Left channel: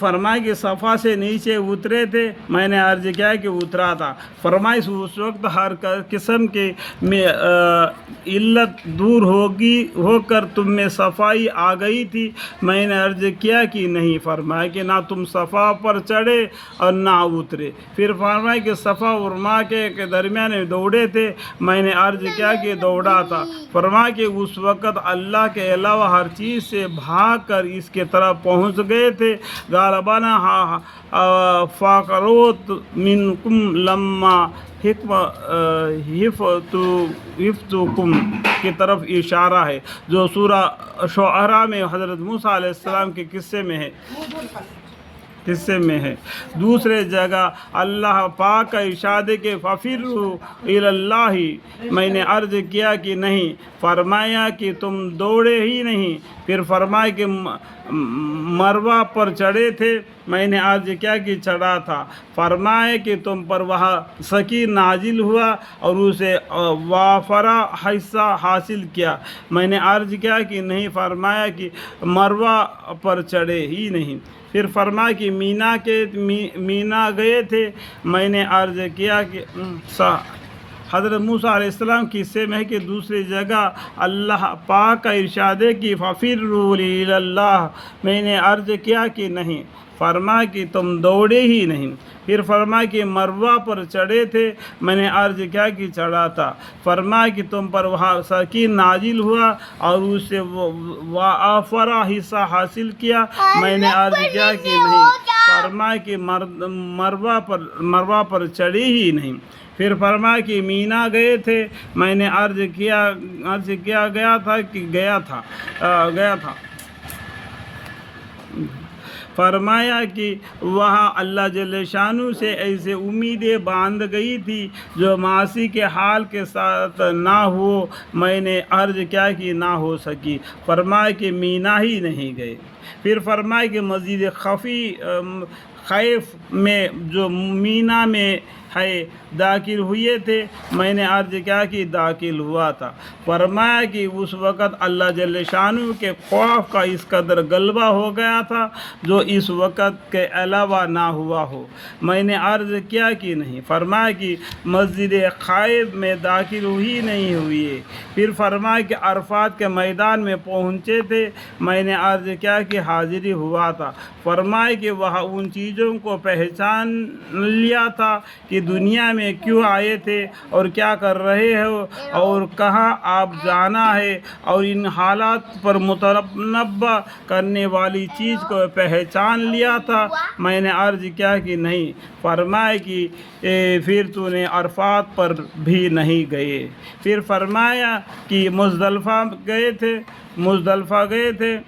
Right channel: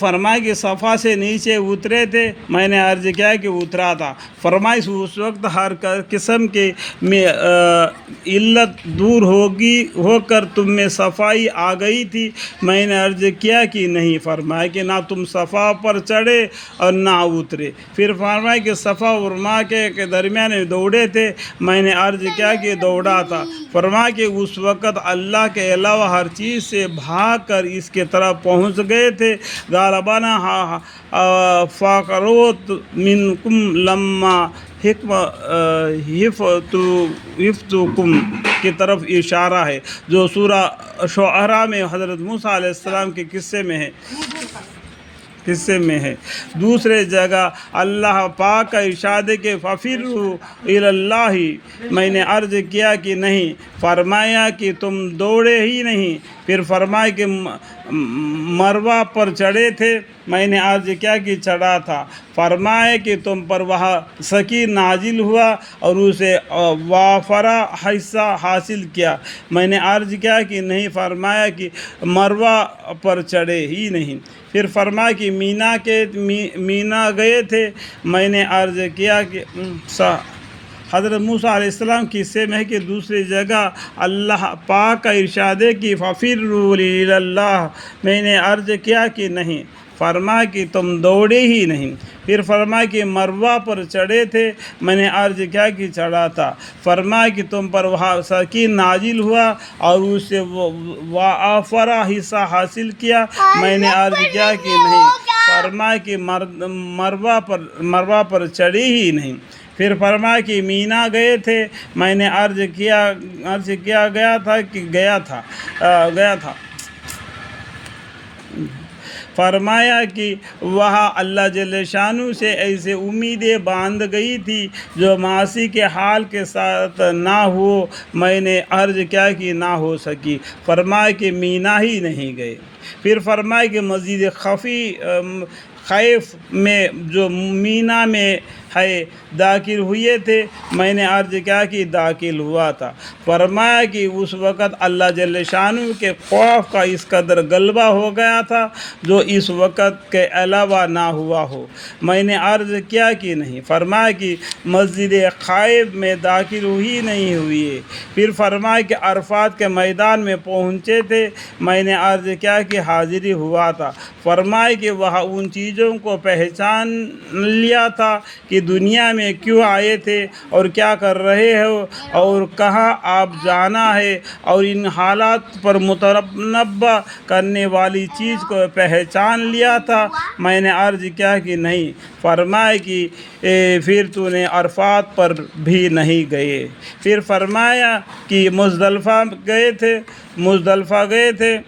فرمائے کہ صفا سے نیچے اترے تھے، میں نے عرض کیا کہ اترا تھا۔ فرمائے اس وقت ہر قسم کی علت دور ہو کر تم میں صفائی آ گئی تھی، میں نے عرض کیا کہ نہیں۔ فرمائے کہ نہ تم صفا پر چڑھے اور نہ اترے۔ پھر فرمائے کہ صفا اور مروہ کے درمیان دوڑے تھے، میں نے عرض کیا کہ دوڑا تھا۔ فرمائے کہ اس وقت اللہ کے علاوہ ہر چیز سے بھاگ کر اس کی طرف پہنچ گئے تھے۔ غالباً فقروت منکم لما حفتکم کی طرف اشارہ ہے، جو سورہ شعراء میں حضرت موسیٰ علیہ السلام کے قصے میں ہے۔ دوسرے جگہ اللہ پاک کا ارشاد کہ فَفِرُّوا إِلَى اللَّهِ، میں نے عرض کیا کہ نہیں۔ فرمایا کہ تم دوڑے ہی نہیں۔ پھر فرمایا کہ مروہ پر چڑھے تھے، میں نے عرض کیا کہ چڑھا تھا۔ فرمایا کہ تم پر وہاں سکین نازل ہوا اور اسے وافرہ حصہ حاصل کیا، میں نے عرض کیا کہ نہیں۔ فرمایا کہ مروہ پر چڑھے ہی نہیں۔ پھر فرمایا کہ مینا گئے تھے، میں نے عرض کیا کہ حضرت موسیٰ علیہ السلام کی قصے میں ہے کہ دوسری جگہ اللہ پاک کا ارشاد ہے کہ فَفِرُّوا إِلَى اللَّهِ، میں نے عرض کیا کہ نہیں۔ فرمایا کہ تم دوڑے ہی نہیں۔ پھر فرمایا کہ مروہ پر چڑھے تھے، میں نے عرض کیا کہ چڑھا تھا۔ فرمایا کہ تم پر وہاں سکین نازل ہوا اور اس سے وافرہ حصہ حاصل کیا، میں نے عرض کیا کہ نہیں۔ فرمایا کہ مروہ پر چڑھے ہی نہیں۔ پھر فرمایا کہ مینا گئے تھے، میں نے عرض کیا گیا تھا۔ فرمایا کہ وہاں اللہ جل شانہ سے ایسے امیدیں باندھ گئی تھی جو معاصی کے حال کے ساتھ نہ ہو، میں نے عرض کیا کہ نہ ہو سکی۔ فرمایا کہ مینا ہی نہیں گئے۔ پھر فرمایا کہ مسجد خیف میں جو مینا میں ہے داخل ہوئے تھے، میں نے عرض کیا کہ داخل ہوا تھا۔ فرمایا کہ اس وقت اللہ جل شانہ کے خوف کا اس قدر غلبہ ہو گیا تھا جو اس وقت کے علاوہ نہ ہوا ہو، میں نے عرض کیا کہ نہیں۔ فرمایا کہ مسجد خیف میں داخل نہیں ہوئے۔ پھر فرمایا کہ عرفات کے میدان میں پہنچے تھے، میں نے عرض کیا کہ حاضری ہوا تھا۔ فرمایا کہ وہاں ان چیزوں کو پہچان لیا تھا کہ دنیا میں کیوں آئے تھے اور کیا کر رہے ہو اور کہاں آپ جانا ہے، اور ان حالات پر متنبع کرنے والی چیز کو پہچان لیا تھا، میں نے عرض کیا کہ نہیں۔ فرمایا کہ پھر تو نے عرفات پر بھی نہیں گئے۔ پھر فرمایا کہ مزدلفہ گئے تھے۔